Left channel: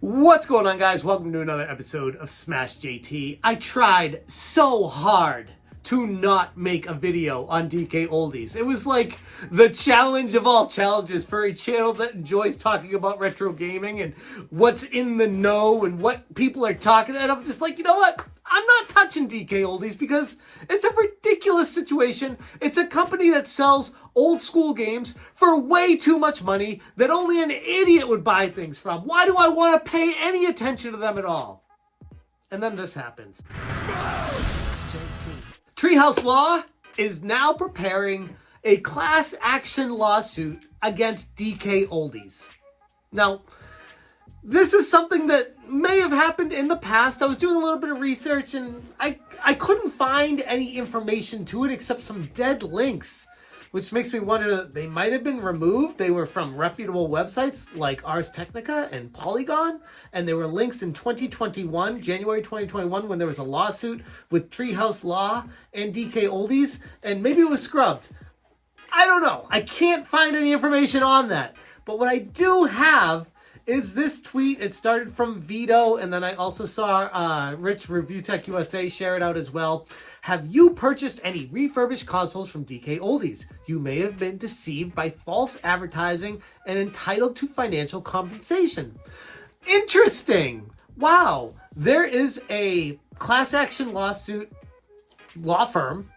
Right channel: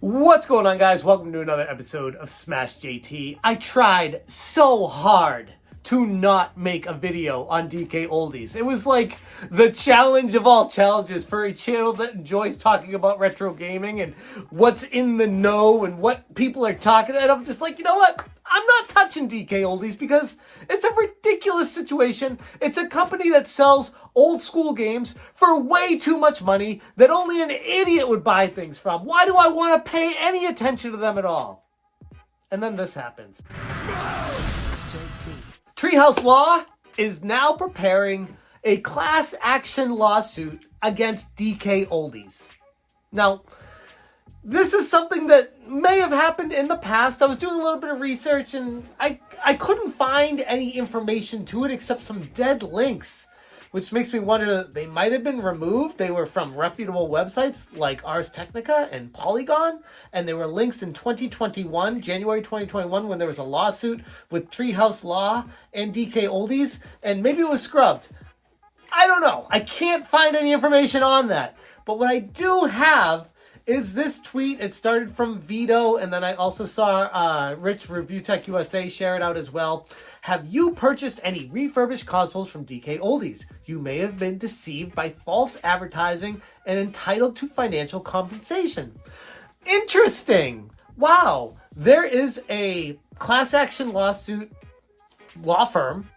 What's going on, guys? Welcome to another episode of Smash JT. I tried so hard to not make a video on DKOldies. It was like the challenge of all challenges for a channel that enjoys talking about retro gaming and what's in the know and what people are talking. And I'm just like, you know what? I'm not touching DKOldies because it's a ridiculous situation. It's a company that sells old school games for way too much money that only an idiot would buy things from. Why do I want to pay any attention to them at all? And then this happens. Treehouse Law is now preparing a class action lawsuit against DKOldies. Now, this is something that may have happened in the past. I was doing a little bit of research and I couldn't find any information to it except some dead links, which makes me wonder they might have been removed. They were from reputable websites like Ars Technica and Polygon, and they were links in 2021, January 2021, when there was a lawsuit with Treehouse Law and DKOldies, and maybe it was scrubbed. I don't know. I can't find any information on that. But what I do have is this tweet. It started from Vito, and then I also saw Rich Review Tech USA share it out as well. Have you purchased any refurbished consoles from DKOldies? You may have been deceived by false advertising and entitled to financial compensation. Interesting. Wow. There is a class action lawsuit law firm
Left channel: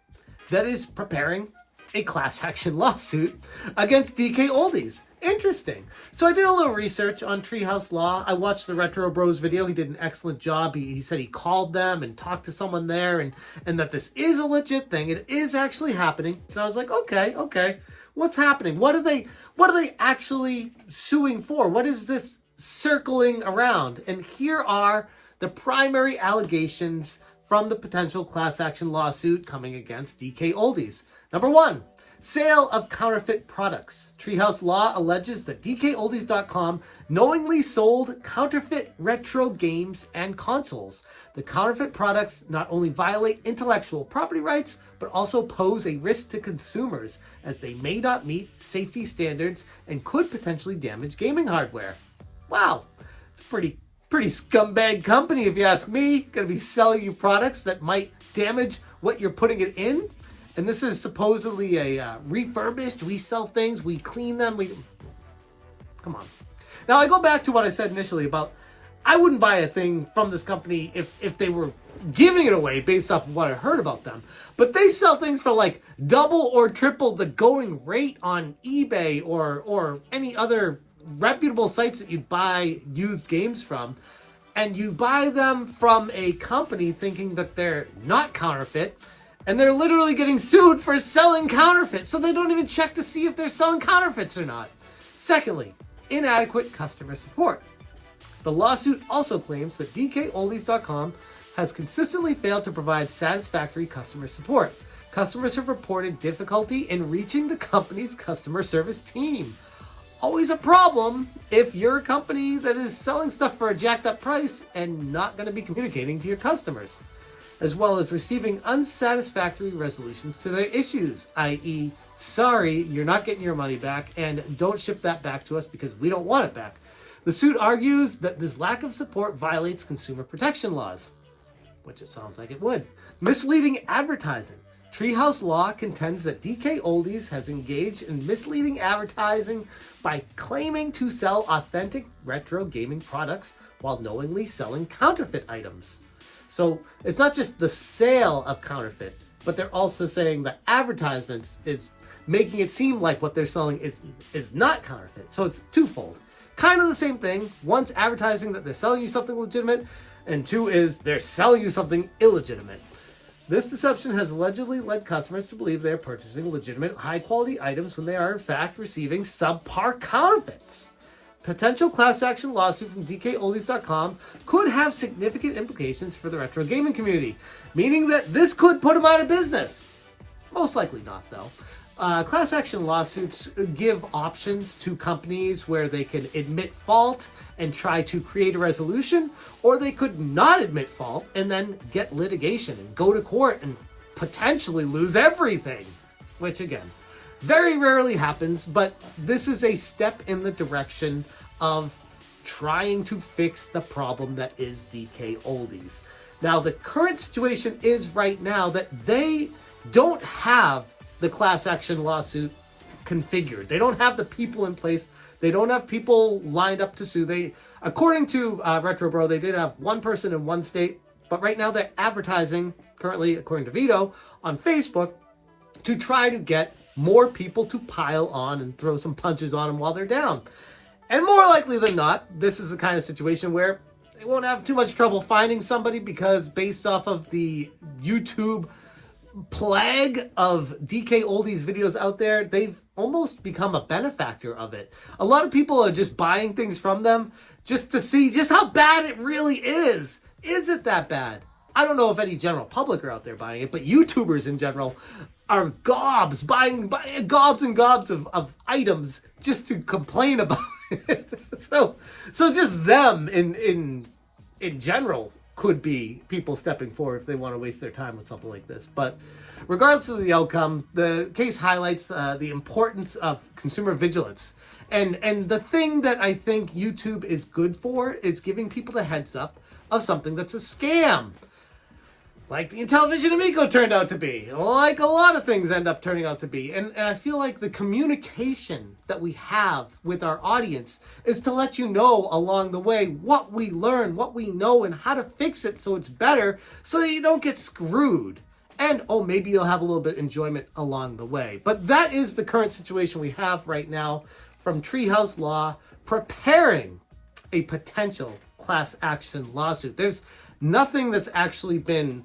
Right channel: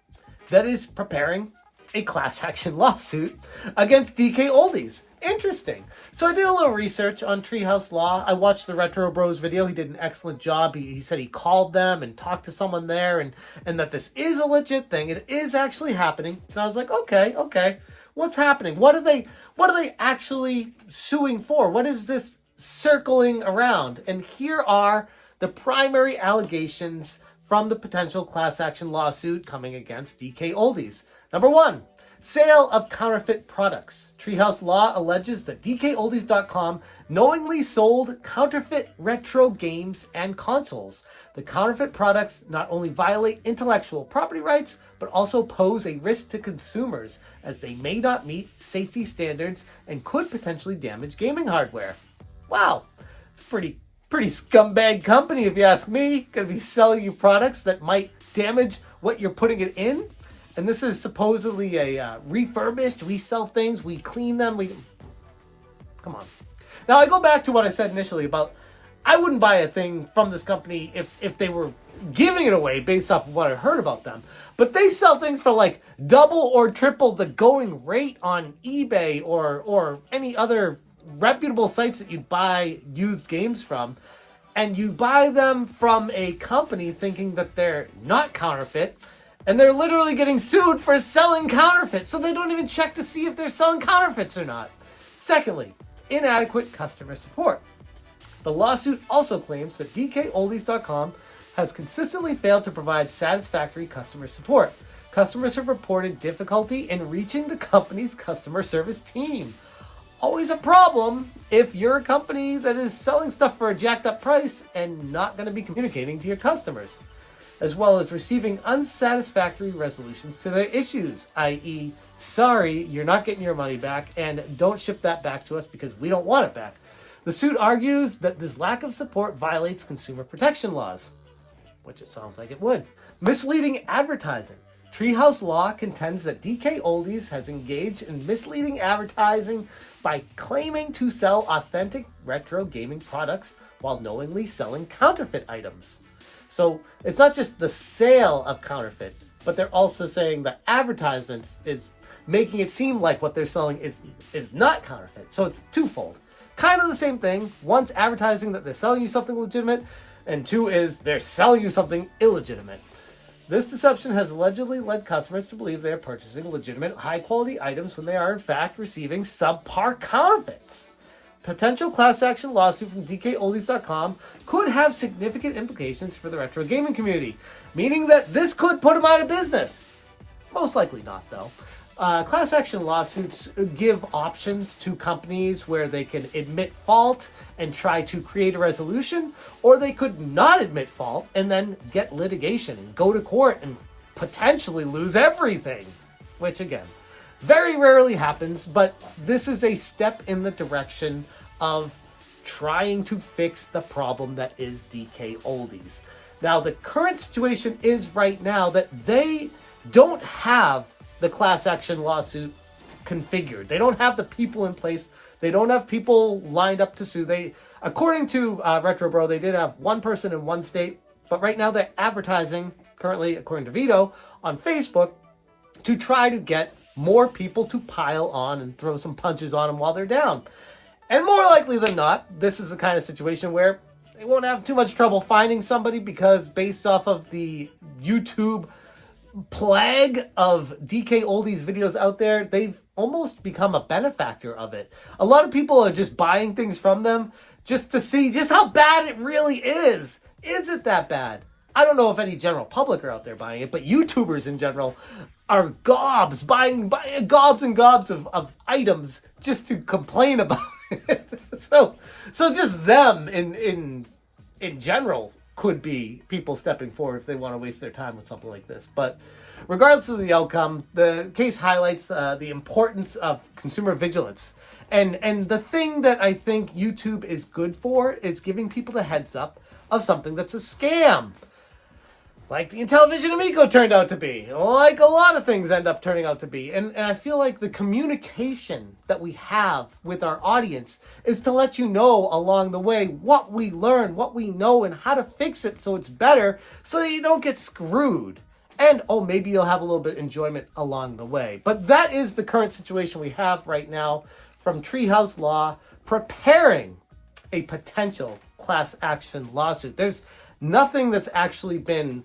that is preparing a class action lawsuit against DKOldies. Interesting. So I did a little research on Treehouse Law. I watched the Retro Bros video. He did an excellent job. He said he called them and talked to someone there and that this is a legit thing. It is actually happening. So I was like, okay. What's happening? What are they actually suing for? What is this circling around? And here are the primary allegations from the potential class action lawsuit coming against DKOldies. Number one, sale of counterfeit products. Treehouse Law alleges that DKOldies.com knowingly sold counterfeit retro games and consoles. The counterfeit products not only violate intellectual property rights, but also pose a risk to consumers as they may not meet safety standards and could potentially damage gaming hardware. Wow, it's a pretty scumbag company if you ask me. Gonna be selling you products that might damage what you're putting it in. And this is supposedly a refurbished. We sell things, we clean them. Come on. Now, I go back to what I said initially about I wouldn't buy a thing from this company if they were giving it away based off of what I heard about them. But they sell things for like double or triple the going rate on eBay or any other reputable sites that you buy used games from. And you buy them from a company thinking that they're not counterfeit. And they're literally getting sued for selling counterfeits, so they don't even check to see if they're selling counterfeits or not. Secondly, inadequate customer support. The lawsuit also claims that DKOldies.com has consistently failed to provide satisfactory customer support. Customers have reported difficulty in reaching the company's customer service team. Always a problem if you're a company that is selling stuff for a jacked up price and not going to be communicating to your customers, as well as receiving unsatisfactory resolutions to their issues, i.e., sorry, you're not getting your money back, and don't ship that back to us because we don't want it back. The suit argues that this lack of support violates consumer protection laws, which it sounds like it would. Misleading advertising. Treehouse Law contends that DKOldies has engaged in misleading advertising by claiming to sell authentic retro gaming products while knowingly selling counterfeit items. So it's not just the sale of counterfeit, but they're also saying that advertisements is making it seem like what they're selling is not counterfeit. So it's twofold. Kind of the same thing. One's advertising that they're selling you something legitimate, and two is they're selling you something illegitimate. This deception has allegedly led customers to believe they're purchasing legitimate, high-quality items when they are in fact receiving subpar counterfeits. Potential class action lawsuit from DKOldies.com could have significant implications for the retro gaming community, meaning that this could put them out of business. Most likely not, though. Class action lawsuits give options to companies where they can admit fault and try to create a resolution, or they could not admit fault and then get litigation and go to court and potentially lose everything, which again, very rarely happens, but this is a step in the direction of trying to fix the problem that is DKOldies. Now, the current situation is right now that they don't have the class action lawsuit configured. They don't have the people in place. They don't have people lined up to sue. According to Retro Bro, they did have one person in one state, but right now they're advertising, currently, according to Vito, on Facebook to try to get more people to pile on and throw some punches on them while they're down. And more likely than not, this is the kind of situation where they won't have too much trouble finding somebody, because based off of the YouTube plague of DKOldies videos out there, they've almost become a benefactor of it. A lot of people are just buying things from them just to see just how bad it really is. Is it that bad? I don't know if any general public are out there buying it, but YouTubers in general are buying gobs and gobs of items just to complain about it. So just them in general could be people stepping forward if they want to waste their time with something like this. But regardless of the outcome, the case highlights the importance of consumer vigilance. And the thing that I think YouTube is good for is giving people the heads up of something that's a scam. Like the Intellivision Amico turned out to be. Like a lot of things end up turning out to be. And I feel like the communication that we have with our audience is to let you know along the way what we learn, what we know, and how to fix it so it's better, so that you don't get screwed. And, maybe you'll have a little bit of enjoyment along the way. But that is the current situation we have right now from Treehouse Law preparing a potential class action lawsuit. There's nothing that's actually been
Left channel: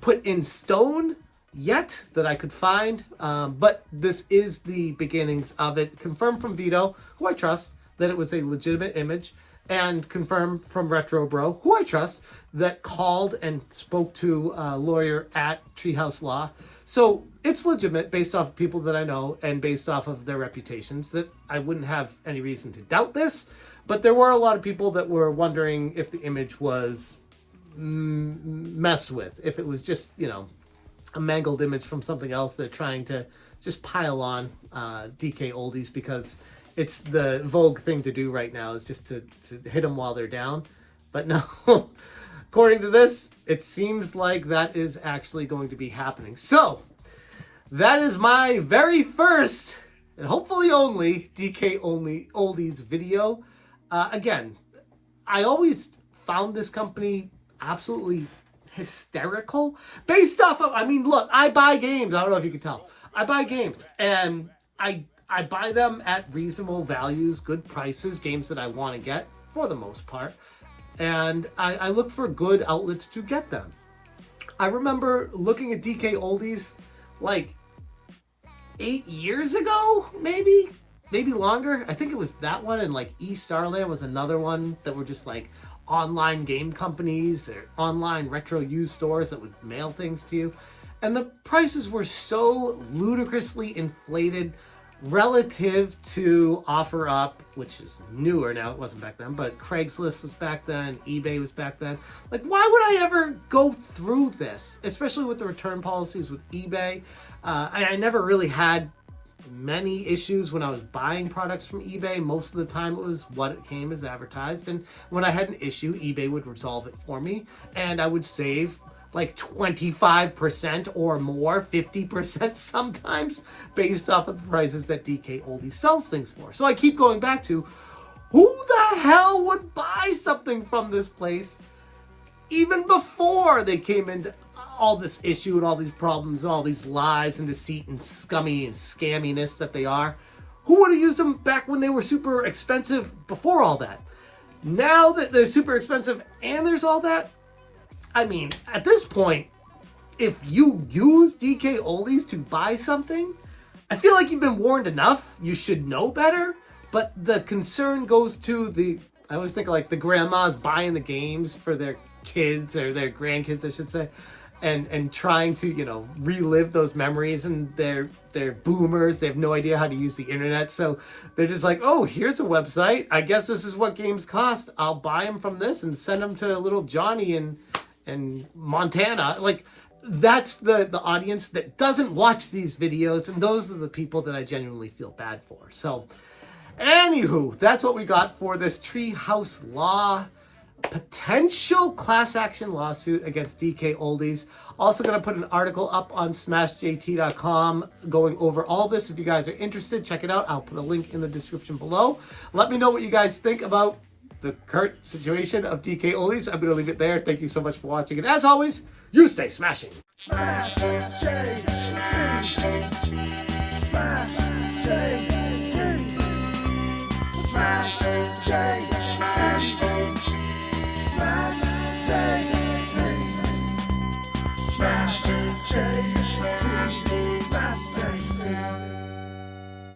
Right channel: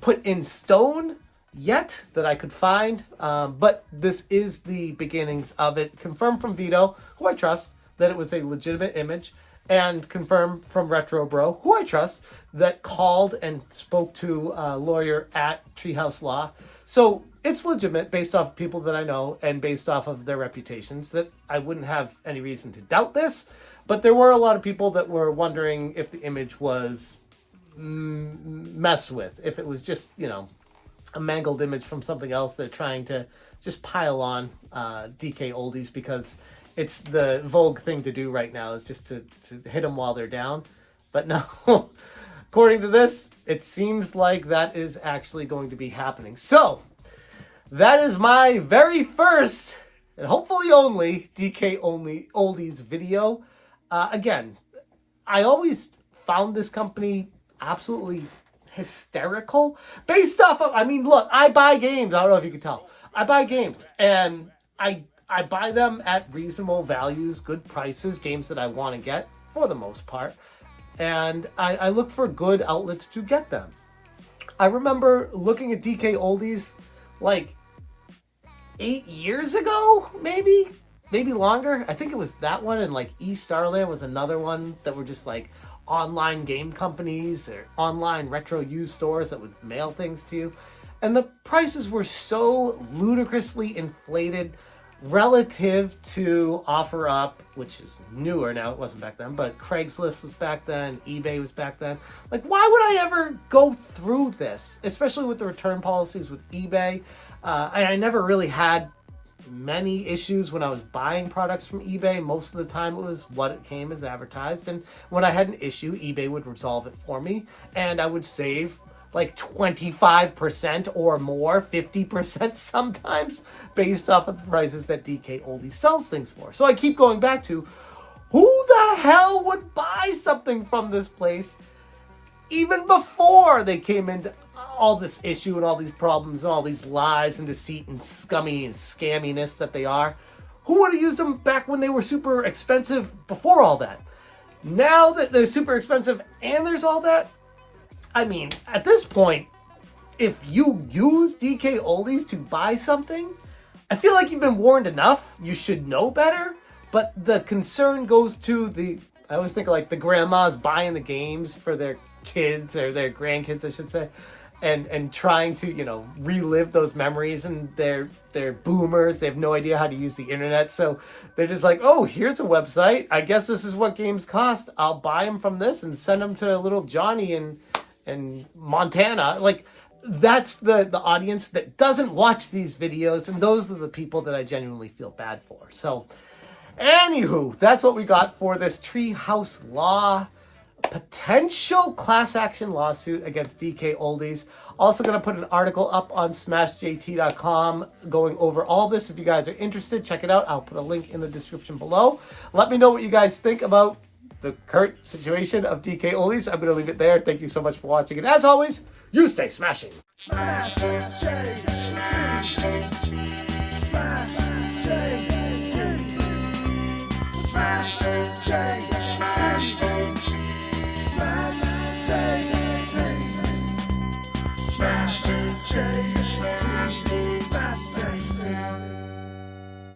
put in stone yet that I could find, but this is the beginnings of it. Confirmed from Vito, who I trust, that it was a legitimate image, and confirmed from Retro Bro, who I trust, that called and spoke to a lawyer at Treehouse Law. So it's legitimate based off of people that I know and based off of their reputations, that I wouldn't have any reason to doubt this. But there were a lot of people that were wondering if the image was messed with, if it was just, a mangled image from something else. They're trying to just pile on DKOldies because it's the vogue thing to do right now, is just to hit them while they're down. But no, according to this, it seems like that is actually going to be happening. So that is my very first and hopefully only DKOldies video. Again, I always found this company absolutely hysterical based off of, look, I buy games. I don't know if you can tell. I buy games, and I buy them at reasonable values, good prices, games that I want to get for the most part. And I look for good outlets to get them. I remember looking at DKOldies like 8 years ago, maybe longer. I think it was that one, and like Starland was another one that were just like online game companies or online retro used stores that would mail things to you. And the prices were so ludicrously inflated relative to OfferUp, which is newer now. It wasn't back then, but Craigslist was back then, eBay was back then. Like, why would I ever go through this, especially with the return policies with eBay? And I never really had many issues when I was buying products from eBay. Most of the time it was what it came as advertised, and when I had an issue, eBay would resolve it for me, and I would save like 25% or more, 50% sometimes, based off of the prices that DKOldies sells things for. So I keep going back to, who the hell would buy something from this place even before they came into all this issue and all these problems and all these lies and deceit and scummy and scamminess that they are? Who would have used them back when they were super expensive before all that? Now that they're super expensive and there's all that, at this point, if you use DKOldies to buy something, I feel like you've been warned enough. You should know better. But the concern goes to I always think of like the grandmas buying the games for their kids or their grandkids, I should say, and trying to, relive those memories, and they're boomers. They have no idea how to use the internet. So they're just like, oh, here's a website. I guess this is what games cost. I'll buy them from this and send them to little Johnny in Montana. Like, that's the audience that doesn't watch these videos, and those are the people that I genuinely feel bad for. So Anywho, that's what we got for this Treehouse Law potential class action lawsuit against DKOldies. Also going to put an article up on smashjt.com going over all this. If you guys are interested, check it out. I'll put a link in the description below. Let me know what you guys think about the current situation of DKOldies. I'm going to leave it there. Thank you so much for watching. And as always, you stay smashing. Smash,